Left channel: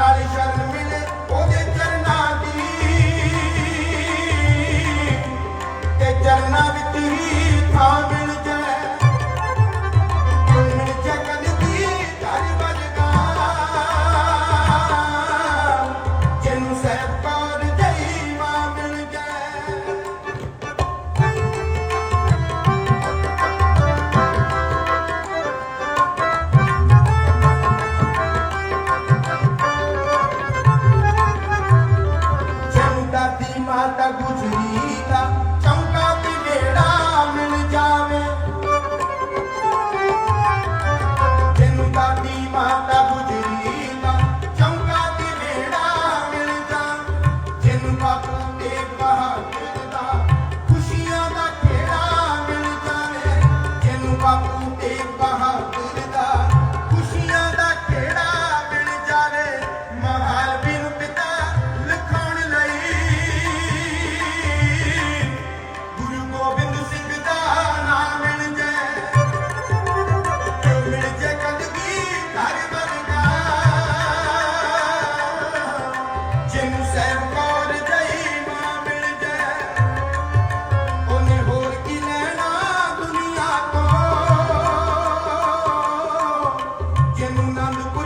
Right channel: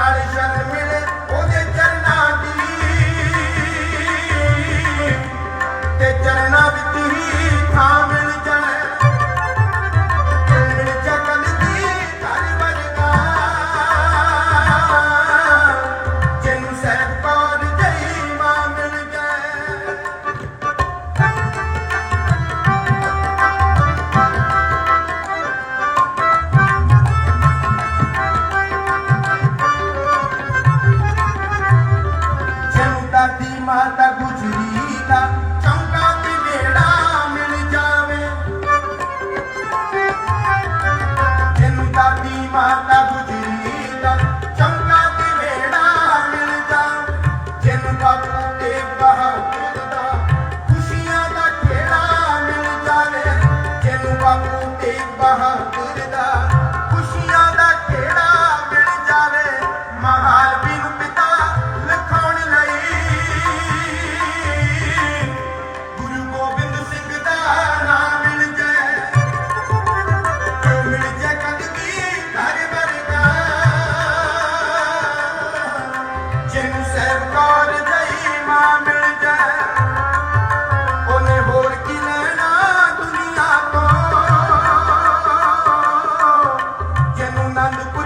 I'm not and Ibrahim.